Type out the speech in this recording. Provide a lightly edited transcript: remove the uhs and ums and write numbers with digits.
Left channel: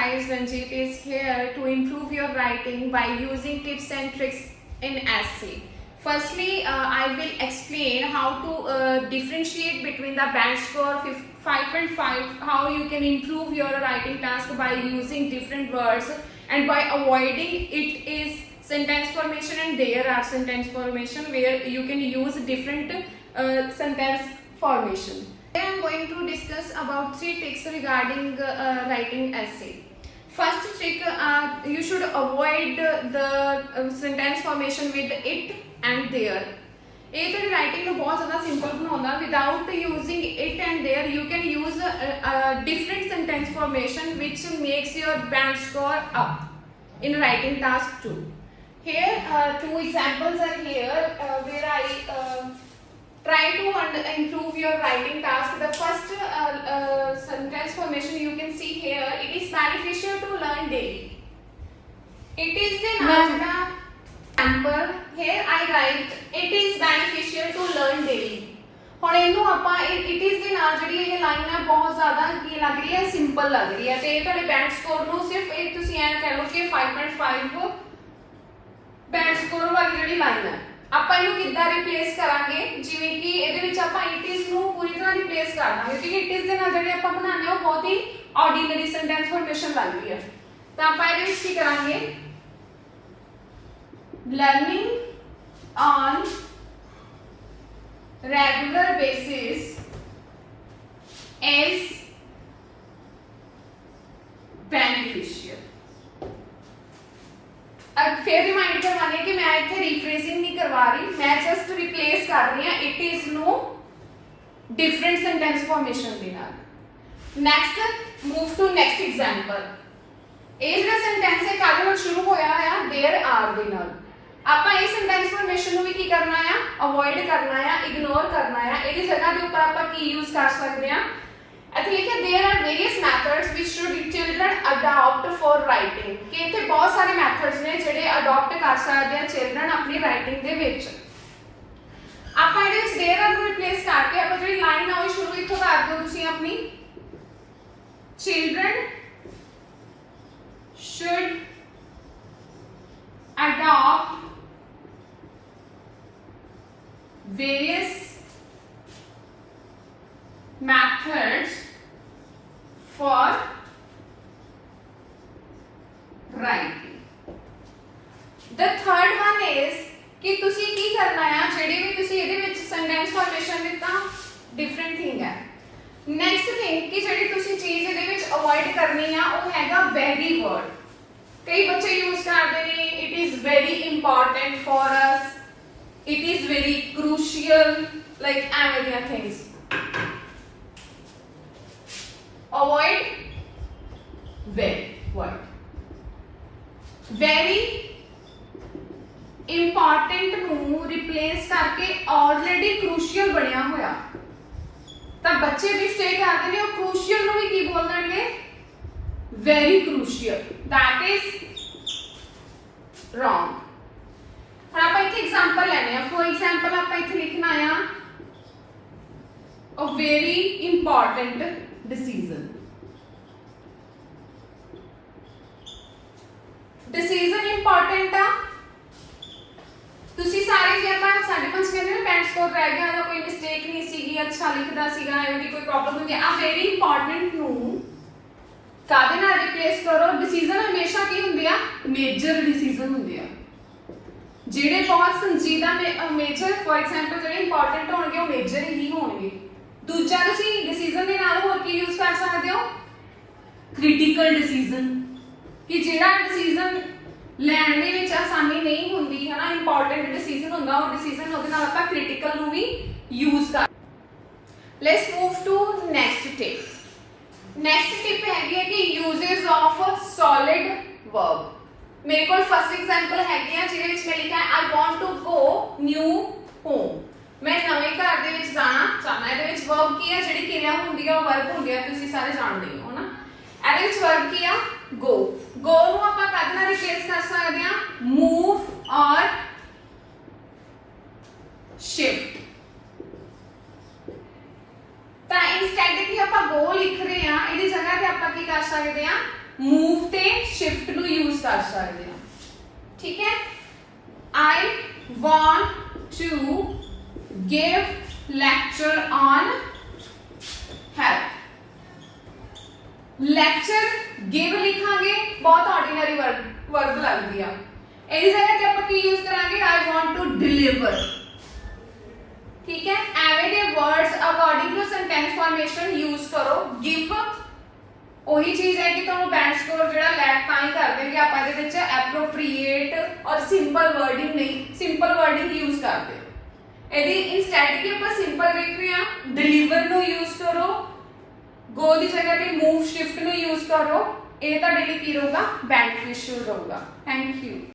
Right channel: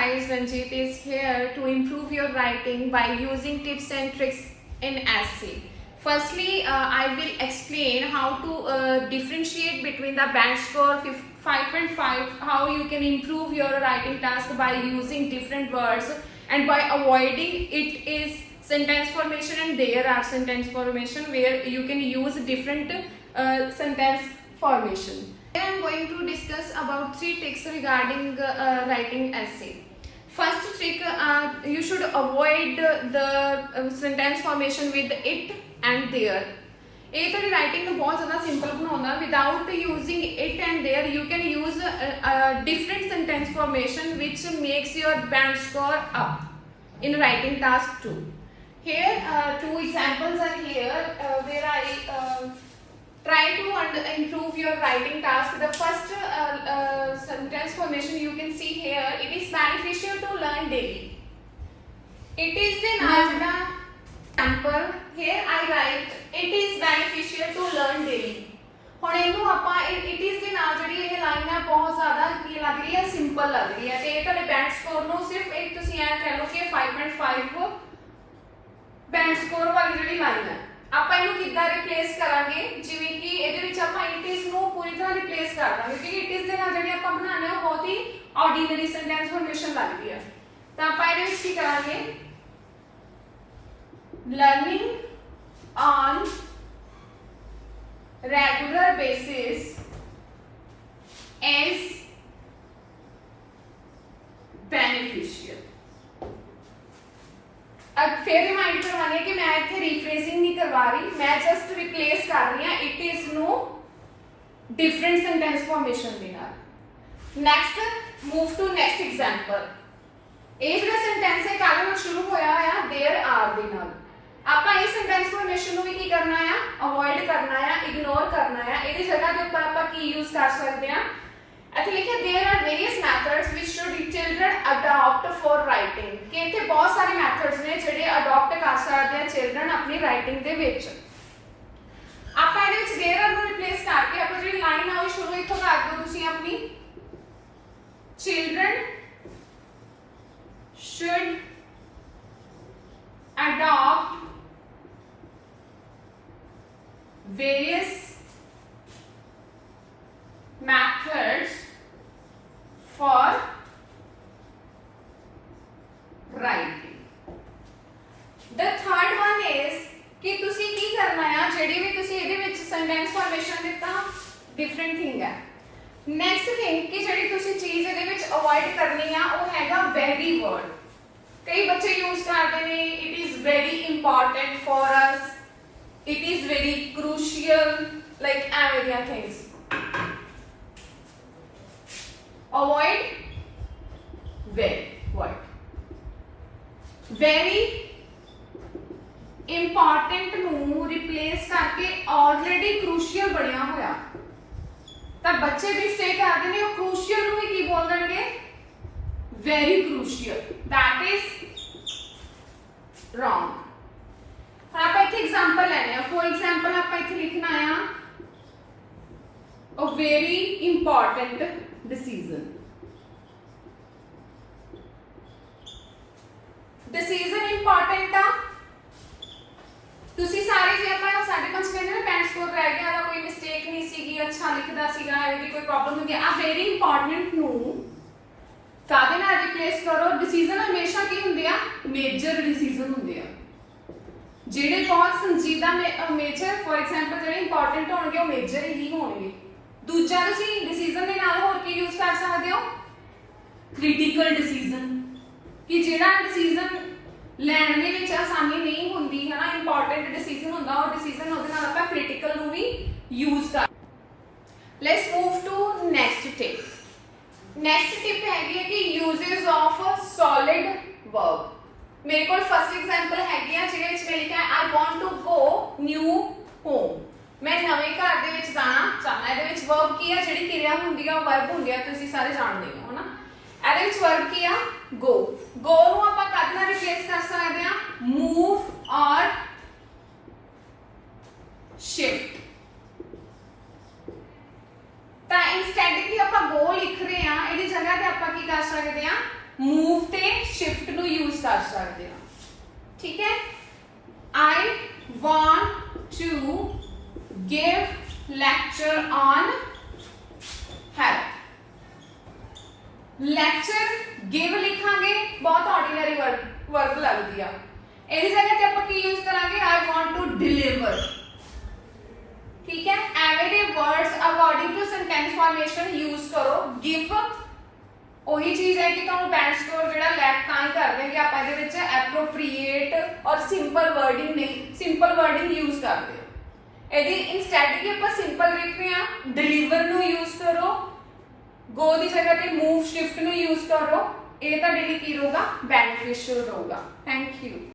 guys, Ranjit is here to improve your writing by using tips and tricks in essay. Firstly, I will explain how to differentiate between the band score 5.5, how you can improve your writing task by using different words and by avoiding it is sentence formation, and there are sentence formation where you can use different sentence formation. Today I am going to discuss about 3 tricks regarding writing essay. First trick, you should avoid the sentence formation with it and there. ਇਹ ਤੁਹਾਡੀ writing ਨੂੰ ਬਹੁਤ ਜ਼ਿਆਦਾ simple ਬਣਾਉਂਦਾ. Without using it and there you can use different sentence formation which makes your band score up in writing task 2. Here 2 examples are here where I try to improve your writing task. The first sentence formation you can see here, it is beneficial to learn daily. It is the example. Here I write it is beneficial to learn daily. ਹੁਣ ਇਹਨੂੰ ਆਪਾਂ it is ਦੇ ਨਾਲ ਜਿਹੜੀ ਇਹ line ਹੈ ਬਹੁਤ ਜ਼ਿਆਦਾ ਕੀ ਲੱਗ ਰਹੀ ਹੈ, ਸਿੰਪਲ ਲੱਗ ਰਹੀ ਹੈ ਤੇ ਇਹ ਤੁਹਾਡੇ ਬੈਂਡ ਸਕੋਰ ਨੂੰ ਸਿਰਫ ਇੱਕ ਤੁਸੀਂ ਐ ਕਹਿ ਲਓ ਕਿ 5.5 ਬੈਂਡ ਸਕੋਰ ਵਾਲੀ ਜਿਹੜੀ ਲਾਈਨ ਹੈ ਆਪਾਂ ਇਹਨੂੰ ਕਿੱਦਾਂ ਰਿਪਲੇਸ ਕਰਾਂਗੇ, ਜਿਵੇਂ ਕਿ ਇਹਦੇ ਵਿੱਚ ਆਪਾਂ it is ਨੂੰ ਪੂਰੀ ਤਰ੍ਹਾਂ ਰਿਪਲੇਸ ਕਰ ਦਾਂਗੇ ਕਿਉਂਕਿ it is ਦੇ ਨਾਲ ਜਿਹੜੇ ਆਪਾਂ ਬਣਾਉਣੇ ਉਹ ਬਹੁਤ ਹੀ ਆਰਡੀਨਰੀ ਸੈਂਟੈਂਸ ਫਾਰਮੇਸ਼ਨ ਲੱਗ ਰਹੀ ਹੈ. ਤਾਂ ਆਪਾਂ ਇਹਦੇ ਵਿੱਚ ਕੀ ਕਰਾਂਗੇ, learning on regular basis is beneficial. अब फिर रिमाइंड करवाने कि मैं इतने रिफ्रेजिंग नहीं करवा रही, मैं जस्ट रिप्लेस कर रही हूं it is no different sentence formation दे नाल. Next move to next example. ਇਹ ਜਿਹੜਾ ਸੈਂਟੈਂਸ ਹੈ ਕਾਹਦੇ ਨਾਲ ਸ਼ੁਰੂ ਹੋਇਆ ਆ, देयर आर ਦੇ ਨਾਲ. ਆਪਾਂ ਇਸ ਸੈਂਟੈਂਸ ਫਾਰਮੇਸ਼ਨ ਨੂੰ ਵੀ ਕੀ ਕਰਨਾ ਆ, ਅਵੋਇਡ ਕਰਨਾ ਆ, ਇਗਨੋਰ ਕਰਨਾ ਆ. ਇਹਦੀ ਜਗ੍ਹਾ ਦੇ ਉੱਪਰ ਆਪਾਂ ਕੀ ਯੂਜ਼ ਕਰ ਸਕਦੇ ਆ, ਇੱਥੇ ਲਿਖਿਆ there are various methods which should children adopt for writing. ਕਿ ਇੱਥੇ ਬਹੁਤ ਸਾਰੇ ਮੈਥਡਸ ਨੇ ਜਿਹੜੇ ਅਡਾਪਟ ਕਰ ਸਕਦੇ ਆ ਚਿਲਡਰਨ ਆਪਣੀ ਰਾਈਟਿੰਗ ਦੇ ਵਿੱਚ. ਆਪਾਂ ਇਹਦੇ ਵਿੱਚ देयर आर ਨੂੰ ਰਿਪਲੇਸ ਕਰਕੇ ਆਪਾਂ ਜਿਹੜੀ ਲਾਈਨ ਆ ਉਹ ਸ਼ੁਰੂ ਇੱਥੋਂ ਕਰ ਦਿਓ ਤੁਸੀਂ ਆਪਣੀ, children should adopt various methods for writing. The third one is कि तुसी की करना है, जेडी भी तुसी ਇਹਦੇ ਵਿੱਚ sentence formation ਦਿੱਤਾ different thing है. नेक्स्ट थिंग कि ਜਿਹੜੀ ਤੁਸੀਂ ਚੀਜ਼ ਇਹਦੇ ਵਿੱਚ ਅਵੋਇਡ ਕਰਨੀ ਆ ਉਹ ਹੈਗਾ very word. ਕਈ ਬੱਚੇ ਯੂਜ਼ ਕਰਦੇ ਨੇ it is very important for us, it is very crucial, like ਐਵੇਂ ਦੀਆਂ things. Avoid very word. very important ਨੂੰ replace ਕਰਕੇ already crucial ਬਣਿਆ ਹੋਇਆ ਤਾਂ ਬੱਚੇ ਵੀ ਸਟੇ ਕਰਦੇ ਨੇ ਉਹ crucial ਨੂੰ ਵੀ ਕੀ ਬੋਲ ਦੇਣਗੇ, very crucial. that is wrong. ਹੁਣ ਆਪਾਂ ਇੱਥੇ ਐਗਜ਼ਾਮਪਲ ਲੈਣੇ ਆ. ਫॉर ਐਗਜ਼ਾਮਪਲ ਆਪਾਂ ਇੱਥੇ ਲਿਖਣਾ ਆ a very important decision. decision important ਆ. ਤੁਸੀਂ ਸਾਰੇ ਜੇ ਆਪਾਂ 5.5 ਕਹਿੰਦੇ ਨੇ ਬੈਂਡ ਸਕੋਰ ਰਹਿ ਗਿਆ ਜਾਂ ਕੋਈ ਮਿਸਟੇਕ ਨਹੀਂ ਸੀਗੀ, ਅੱਛਾ ਲਿਖਦਾ ਸੀਗਾ, ਐਵੇਂ ਦੀ ਕੋਈ ਪ੍ਰੋਬਲਮ ਹੁੰਦੀ ਆ, ਵੈਰੀ ਇੰਪੋਰਟੈਂਟ ਨੂੰ ਕਾਹਦੇ ਨਾਲ ਰਿਪਲੇਸ ਕਰੋ. ਡਿਸੀਜਨ ਹਮੇਸ਼ਾ ਕੀ ਹੁੰਦੇ ਆ, ਮੇਜਰ ਡਿਸੀਜਨ ਹੁੰਦੇ ਆ ਜਿਹੜੇ ਬਹੁਤ ਸੰਜੀਦਾ ਮੇਜਰ. ਫॉर ਐਗਜ਼ਾਮਪਲ ਜਿਹੜੇ ਇੰਪੋਰਟੈਂਟ ਹੋਣਗੇ ਉਹ ਮੇਜਰ ਹੀ ਹੋਣਗੇ. ਦੂਜਾ ਤੁਸੀਂ ਡਿਸੀਜਨ ਦੇ ਨਾਲ ਹੋਰ ਕੀ ਯੂਜ਼ ਕਰ ਸਕਦੇ ਹੋ, ਕ੍ਰਿਟੀਕਲ ਡਿਸੀਜਨ, ਕਿ ਜਿਹੜਾ ਡਿਸੀਜਨ ਲੈਣ ਦੇ ਵਿੱਚ ਆਸਾਨੀ ਨਹੀਂ ਹੁੰਦੀ ਹੈ ਨਾ, ਇੰਪੋਰਟੈਂਟ ਡਿਸੀਜਨ ਹੁੰਦਾ ਉਹ ਡਿਸੀਜਨ, ਉਹਦੇ ਨਾਲ ਆਪਾਂ ਕ੍ਰਿਟੀਕਲ ਨੂੰ ਵੀ ਯੂਜ਼ ਕਰ. Let's move to next tip. Next tip ਹੈਗੀ ਹੈ ਕਿ ਯੂਜ਼ਸ ਆਫ ਸੋਲਿਡ ਵਰਬ. ਮੇਰੇ ਕੋਲ ਫਸਟ ਐਗਜ਼ਾਮਪਲ ਹੈਗੀ ਆ ਜਿਹਦੇ ਵਿੱਚ ਮੈਂ ਲਿਖਿਆ I want to go new home. ਮੈਂ ਨਵੇਂ ਘਰ ਦੇ ਵਿੱਚ ਜਾਣਾ ਚਾਹਨਾ. ਇਹਦੇ ਵਿੱਚ ਵਰਬ ਕੀ ਆ, ਜਿਹੜੀ ਕਿਰਿਆ ਹੁੰਦੀ ਆ ਉਹ ਵਰਬ ਹੁੰਦੀ ਆ, ਤੁਸੀਂ ਸਾਰੇ ਜਾਣਦੇ ਹੋ ਨਾ. ਇਹਦੇ ਵਿੱਚ ਵਰਬ ਕੀ ਆ, go. go ਨੂੰ ਆਪਾਂ ਕਦ ਨਾਲ ਰਿਪਲੇਸ ਕਰ ਸਕਦੇ ਆ, move or shift. ਤਾਂ ਇਨਸਟੈਡ ਕਿ ਆਪਾਂ go ਲਿਖ ਰਹੇ ਆ, ਇਹਦੀ ਜਗ੍ਹਾ ਤੇ ਆਪਾਂ ਕੀ ਕਰ ਸਕਦੇ ਆ, ਮੂਵ ਤੇ ਸ਼ਿਫਟ ਨੂੰ ਯੂਜ਼ ਕਰ ਸਕਦੇ ਹਾਂ। ਠੀਕ ਹੈ, I want to give lecture on health। Lecture give ਲਿਖਾਂਗੇ, ਬਹੁਤ ਆਰਡੀਨਰੀ ਵਰਬ ਲੱਗਦੀ ਆ। ਇਹਦੀ ਜਗ੍ਹਾ ਤੇ ਆਪਾਂ ਕੀ ਯੂਜ਼ ਕਰਾਂਗੇ, I want to deliver। ਠੀਕ ਹੈ, ਐਵੇਂ ਦੇ words according to sentence formation use ਕਰੋ। give ਉਹੀ ਚੀਜ਼ ਹੈ ਕਿ ਤੁਹਾਨੂੰ ਬੈਂਡ ਸਕੋਰ ਜਿਹੜਾ ਲੈਕ ਤਾਂ ਹੀ ਕਰਦੇ ਕਿ ਆਪਾਂ ਇਹਦੇ ਵਿੱਚ ਐਪਰੋਪ੍ਰੀਏਟ ਔਰ ਸਿੰਪਲ ਵਰਡਿੰਗ ਨਹੀਂ, ਸਿੰਪਲ ਵਰਡਿੰਗ ਯੂਜ਼ ਕਰਦੇ ਹੋ। ਇਹਦੀ ਇਨਸਟੈਡ ਕਿ ਆਪਾਂ ਸਿੰਪਲ ਲਿਖ ਰਹੇ ਹਾਂ, ਡਿਲੀਵਰ ਨੂੰ ਯੂਜ਼ ਕਰੋ, ਗੋ ਦੀ ਜਗ੍ਹਾ ਤੇ ਮੂਵ ਸ਼ਿਫਟ ਨੂੰ ਯੂਜ਼ ਕਰੋ। ਇਹ ਤੁਹਾਡੇ ਲਈ ਕੀ ਰਹੂਗਾ, ਬੈਨੀਫਿਸ਼ੀਅਲ ਰਹੂਗਾ। Thank you.